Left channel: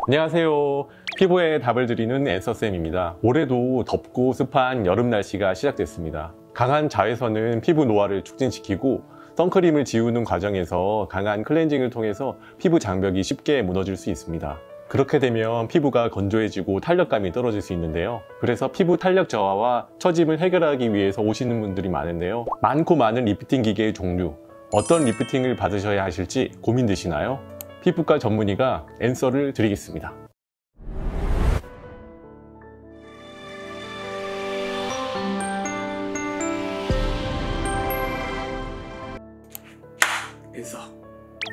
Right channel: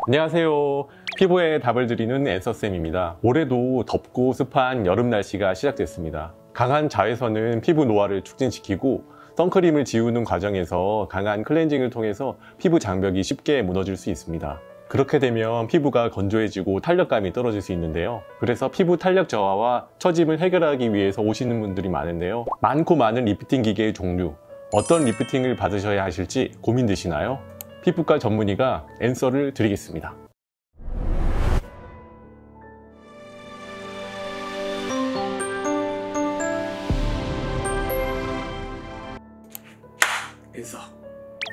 안녕하세요. 피부에 답을 드리는 앤서쌤입니다. 올해도 덥고 습한 여름 날씨가 시작됐습니다. 강한 자외선은 피부 노화를 촉진시키고 선크림을 지우는 과정에서 강한 클렌징을 통해서 피부 장벽이 쉽게 무너질 수 있습니다. 그렇게 되면 피부가 건조해지고 탄력감이 떨어질 수 있는데요. 그래서 피부 탄력 저하와 처짐을 해결하기 위해서 오시는 분들이 많은데요. 많고 많은 리프팅 기계의 종류, 어떤 리프팅을 받으셔야 하실지 고민되시나요? 피부과 전문의가 앤서를 드리겠습니다. 앤서.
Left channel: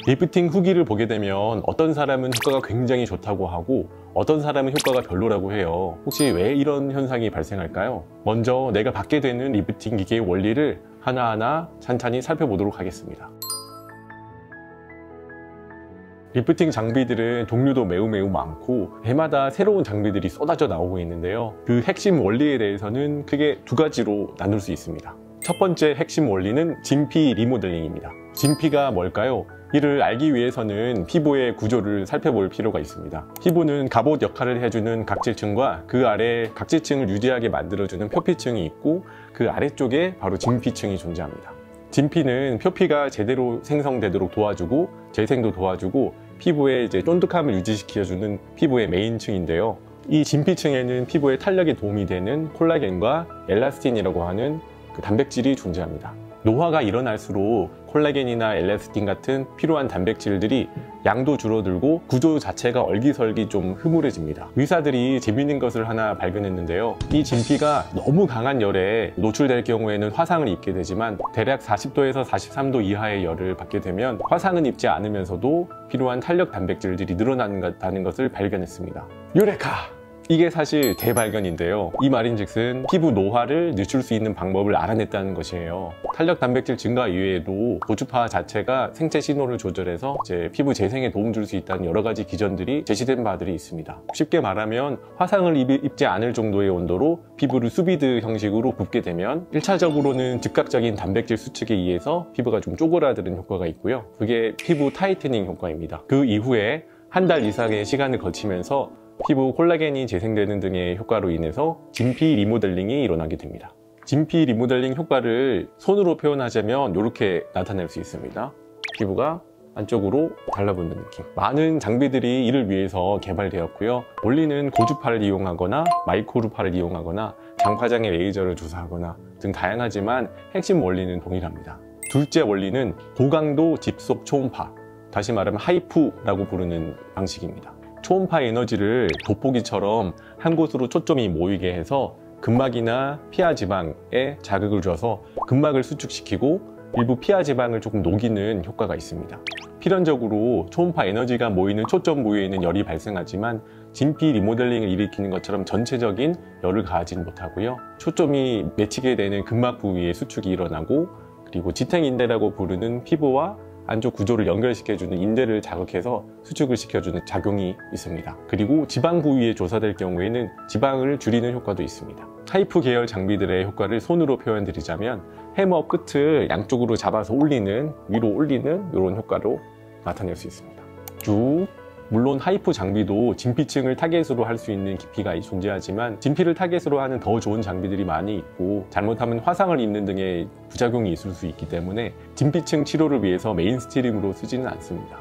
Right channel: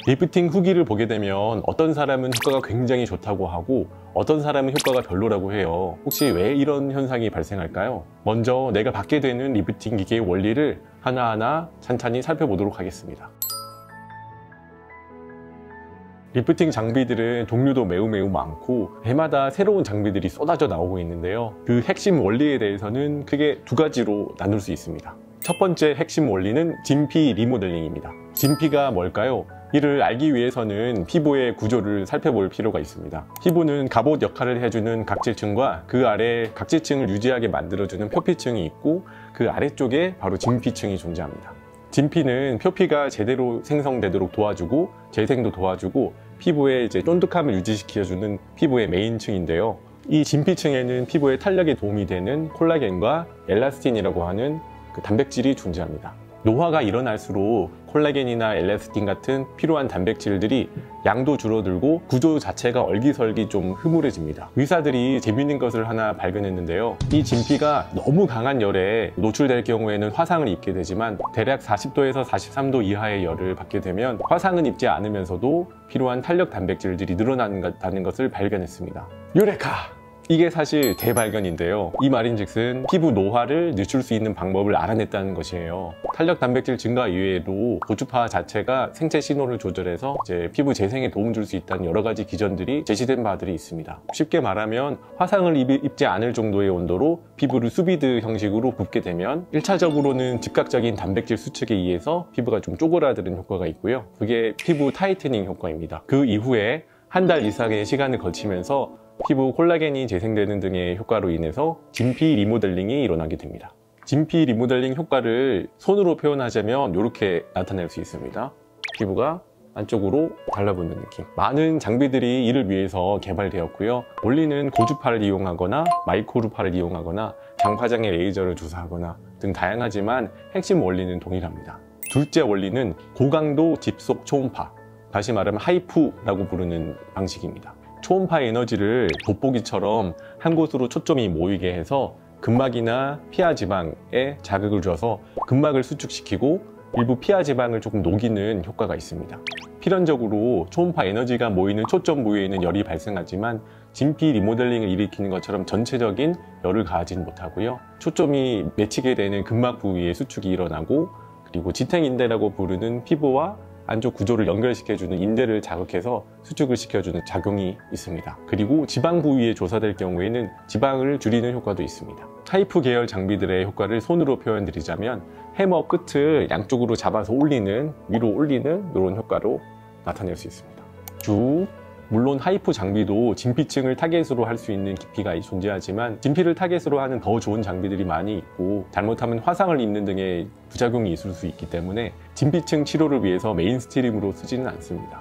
리프팅 후기를 보게 되면 어떤 사람은 효과가 굉장히 좋다고 하고 어떤 사람은 효과가 별로라고 해요. 혹시 왜 이런 현상이 발생할까요? 먼저 내가 받게 되는 리프팅 기계의 원리를 하나하나 찬찬히 살펴보도록 하겠습니다. 리프팅 장비들은 종류도 매우 많고 해마다 새로운 장비들이 쏟아져 나오고 있는데요. 그 핵심 원리에 대해서는 크게 두 가지로 나눌 수 있습니다. 첫 번째 핵심 원리는 진피 리모델링입니다. 진피가 뭘까요? 이를 알기 위해서는 피부의 구조를 살펴볼 필요가 있습니다. 피부는 갑옷 역할을 해주는 각질층과 그 아래 각질층을 유지하게 만들어주는 표피층이 있고 그 아래쪽에 바로 진피층이 존재합니다. 진피는 표피가 제대로 생성되도록 도와주고 재생도 도와주고 피부의 쫀득함을 유지시켜주는 피부의 메인층인데요. 이 진피층에는 피부의 탄력에 도움이 되는 콜라겐과 엘라스틴이라고 하는 그 단백질이 존재합니다. 노화가 일어날수록 콜라겐이나 엘라스틴 같은 필요한 단백질들이 양도 줄어들고 구조 자체가 얼기설기 좀 흐물해집니다. 의사들이 재밌는 것을 하나 발견했는데요. 이 진피가 너무 강한 열에 노출될 경우에는 화상을 입게 되지만 대략 40도에서 43도 이하의 열을 받게 되면 화상은 입지 않으면서도 필요한 탄력 단백질들이 늘어나는 것을 발견했습니다. 유레카! 이게 사실 대발견인데요. 이 말인즉슨 피부 노화를 늦출 수 있는 방법을 알아냈다는 것이에요. 탄력 단백질 증가 이외에도 고주파 자체가 생체 신호를 조절해서 피부 재생에 도움 줄 수 있다는 여러 가지 기전들이 제시된 바들이 있습니다. 쉽게 말하면 화상을 입지 않을 정도의 온도로 피부를 수비드 형식으로 굽게 되면 1차적으로는 즉각적인 단백질 수축에 의해서 피부가 좀 쪼그라드는 효과가 있고요. 그게 피부 타이트닝 효과입니다. 그 이후에 한 달 이상의 시간을 거치면서 피부 콜라겐이 재생되는 등의 효과로 인해서 진피 리모델링이 일어나게 됩니다. 진피 리모델링 효과를 손으로 표현하자면 이렇게 나타낼 수 있습니다. 피부가 안쪽으로 달라붙는 느낌. 많은 장비들이 이를 위해서 개발되었고요. 원리는 고주파를 이용하거나 마이크로주파를 이용하거나 장파장에 레이저를 주사하거나 등 다양하지만 핵심 원리는 동일합니다. 둘째 원리는 고강도 집속 초음파, 다시 말하면 하이프라고 부르는 방식입니다. 초음파 에너지를 돋보기처럼 한 곳으로 초점이 모이게 해서 근막이나 피하 지방에 자극을 줘서 근막을 수축시키고 일부 피하 지방을 조금 녹이는 효과가 있습니다. 필연적으로 초음파 에너지가 모이는 초점 부위에는 열이 발생하지만 진피 리모델링을 일으키는 것처럼 전체적인 열을 가하지 못하고요. 초점이 맺히게 되는 근막 부위에 수축이 일어나고 그리고 지탱인대라고 부르는 피부와 안쪽 구조를 연결시켜주는 인대를 자극해서 수축을 시켜주는 작용이 있습니다. 그리고 지방 부위에 조사될 경우에는 지방을 줄이는 효과도 있습니다. 하이프 계열 장비들의 효과를 손으로 표현드리자면 해머 끝을 양쪽으로 잡아서 올리는, 위로 올리는 이런 효과로 나타낼 수 있습니다. 쭉. 물론 하이프 장비도 진피층을 타겟으로 할 수 있는 깊이가 존재하지만 진피를 타겟으로 하는 더 좋은 장비들이 많이 있고 잘못하면 화상을 입는 등의 부작용이 있을 수 있기 때문에 진피층 치료를 위해서 메인스트림으로 쓰지는 않습니다.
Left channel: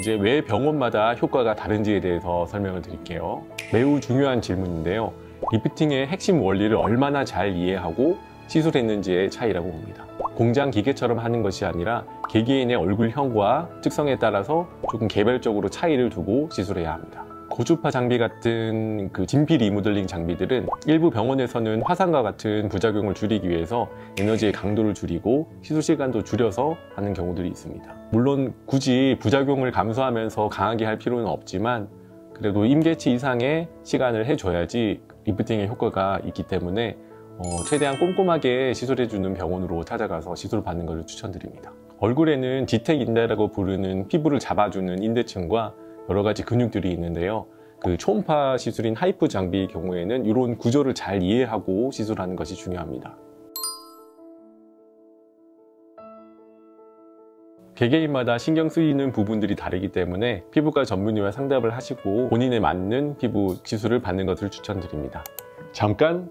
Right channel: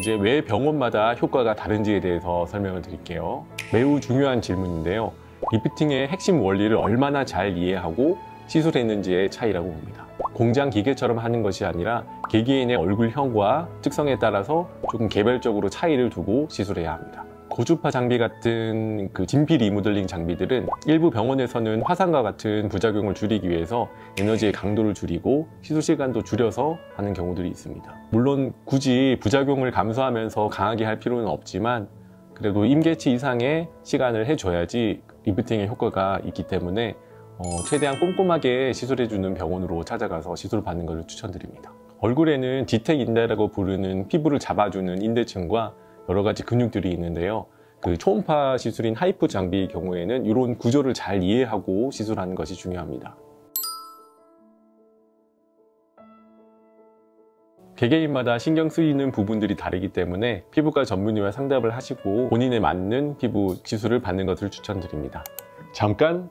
이제 왜 병원마다 효과가 다른지에 대해서 설명을 드릴게요. 매우 중요한 질문인데요. 리프팅의 핵심 원리를 얼마나 잘 이해하고 시술했는지의 차이라고 봅니다. 공장 기계처럼 하는 것이 아니라 개개인의 얼굴형과 특성에 따라서 조금 개별적으로 차이를 두고 시술해야 합니다. 고주파 장비 같은 그 진피 리모델링 장비들은 일부 병원에서는 화상과 같은 부작용을 줄이기 위해서 에너지의 강도를 줄이고 시술 시간도 줄여서 하는 경우들이 있습니다. 물론 굳이 부작용을 감소하면서 강하게 할 필요는 없지만 그래도 임계치 이상의 시간을 해줘야지 리프팅의 효과가 있기 때문에 최대한 꼼꼼하게 시술해주는 병원으로 찾아가서 시술을 받는 것을 추천드립니다. 얼굴에는 지탱 인대라고 부르는 피부를 잡아주는 인대층과 여러 가지 근육들이 있는데요. 그 초음파 시술인 하이프 장비의 경우에는 이런 구조를 잘 이해하고 시술하는 것이 중요합니다. 개개인마다 신경 쓰이는 부분들이 다르기 때문에 피부과 전문의와 상담을 하시고 본인에 맞는 피부 시술을 받는 것을 추천드립니다. 잠깐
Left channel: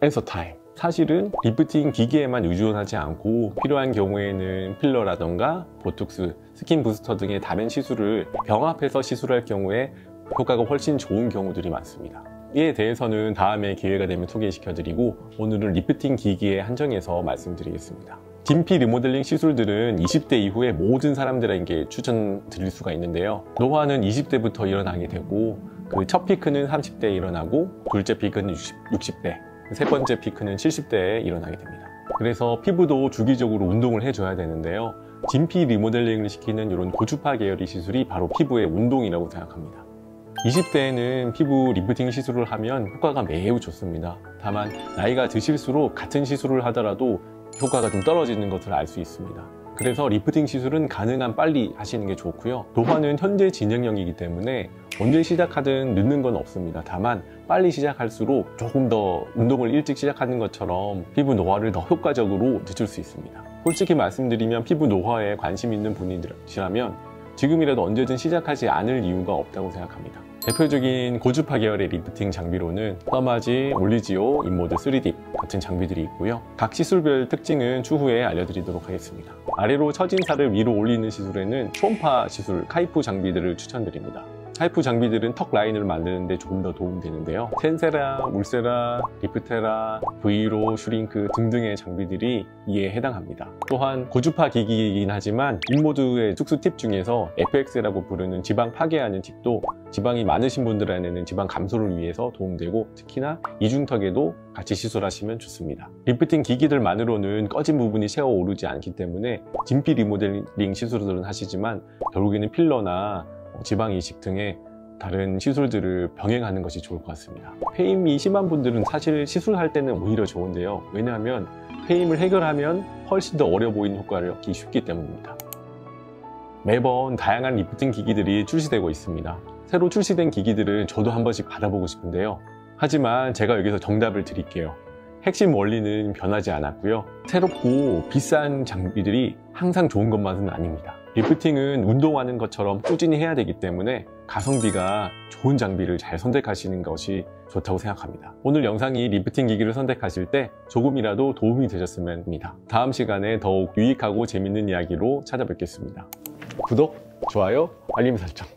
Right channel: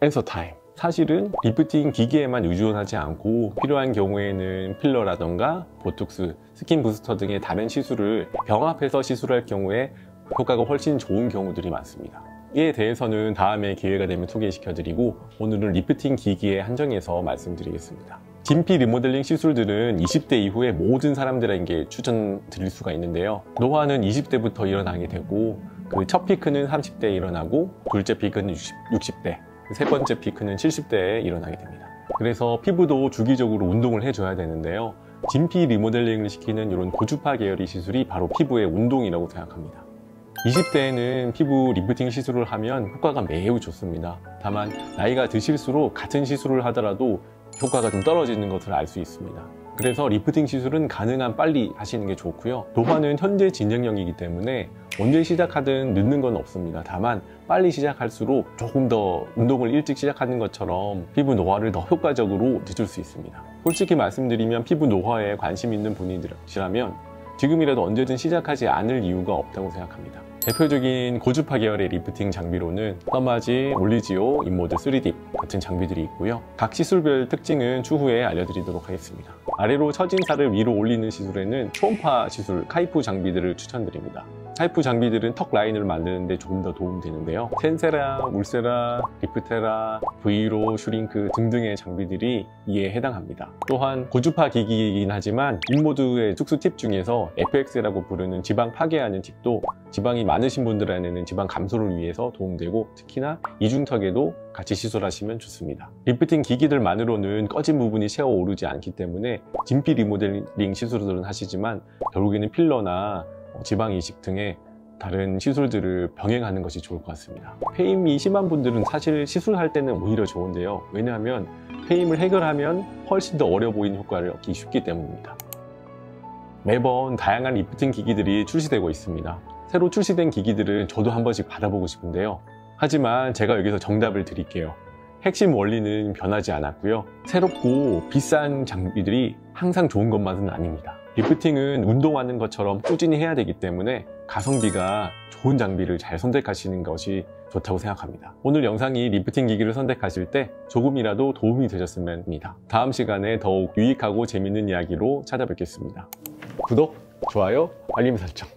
앤서 타임. 사실은 리프팅 기기에만 의존하지 않고 필요한 경우에는 필러라던가 보톡스, 스킨 부스터 등의 다른 시술을 병합해서 시술할 경우에 효과가 훨씬 좋은 경우들이 많습니다. 이에 대해서는 다음에 기회가 되면 소개시켜드리고 오늘은 리프팅 기기에 한정해서 말씀드리겠습니다. 진피 리모델링 시술들은 20대 이후에 모든 사람들에게 추천드릴 수가 있는데요. 노화는 20대부터 일어나게 되고 그 첫 피크는 30대에 일어나고 둘째 피크는 60대, 세 번째 피크는 70대에 일어나게 됩니다. 그래서 피부도 주기적으로 운동을 해줘야 되는데요. 진피 리모델링을 시키는 이런 고주파 계열의 시술이 바로 피부의 운동이라고 생각합니다. 20대에는 피부 리프팅 시술을 하면 효과가 매우 좋습니다. 다만 나이가 드실수록 같은 시술을 하더라도 효과가 좀 떨어지는 것을 알 수 있습니다. 그래서 리프팅 시술은 가능한 빨리 하시는 게 좋고요. 노화는 현재 진행형이기 때문에 언제 시작하든 늦는 건 없습니다. 다만 빨리 시작할수록 조금 더 운동을 일찍 시작하는 것처럼 피부 노화를 더 효과적으로 늦출 수 있습니다. 솔직히 말씀드리면 피부 노화에 관심 있는 분이시라면 지금이라도 언제든 시작하지 않을 이유가 없다고 생각합니다. 대표적인 고주파 계열의 리프팅 장비로는 더마지, 물리지오, 인모드 3D 같은 장비들이 있고요. 각 시술별 특징은 추후에 알려드리도록 하겠습니다. 아래로 처진 살을 위로 올리는 시술에는 초음파 시술, 카이프 장비들을 추천드립니다. 카이프 장비들은 턱 라인을 만드는 데 조금 더 도움되는데요. 텐세라, 울세라, 리프테라, 브이로, 슈링크 등등의 장비들이 이에 해당합니다. 또한 고주파 기기이긴 하지만 인모드의 특수 팁 중에서 FX라고 부르는 지방 파괴하는 팁도 지방이 많으신 분들에게는 지방 감소를 위해서 도움되고 특히나 이중턱에도 같이 시술하시면 좋습니다. 리프팅 기기들만으로는 꺼진 부분이 새어 오르지 않기 때문에 진피 리모델링 시술들은 하시지만 결국에는 필러나 지방 이식 등의 다른 시술들을 병행하는 것이 좋을 것 같습니다. 페임이 심한 분들은 사실 시술할 때는 오히려 좋은데요. 왜냐하면 페임을 해결하면 훨씬 더 어려 보이는 효과를 얻기 쉽기 때문입니다. 매번 다양한 리프팅 기기들이 출시되고 있습니다. 새로 출시된 기기들을 저도 한 번씩 받아보고 싶은데요. 하지만 제가 여기서 정답을 드릴게요. 핵심 원리는 변하지 않았고요. 새롭고 비싼 장비들이 항상 좋은 것만은 아닙니다. 리프팅은 운동하는 것처럼 꾸준히 해야 되기 때문에 가성비가 좋은 장비를 잘 선택하시는 것이 좋다고 생각합니다. 오늘 영상이 리프팅 기기를 선택하실 때 조금이라도 도움이 되셨으면 합니다. 다음 시간에 더욱 유익하고 재밌는 이야기로 찾아뵙겠습니다. 구독, 좋아요, 알림 설정.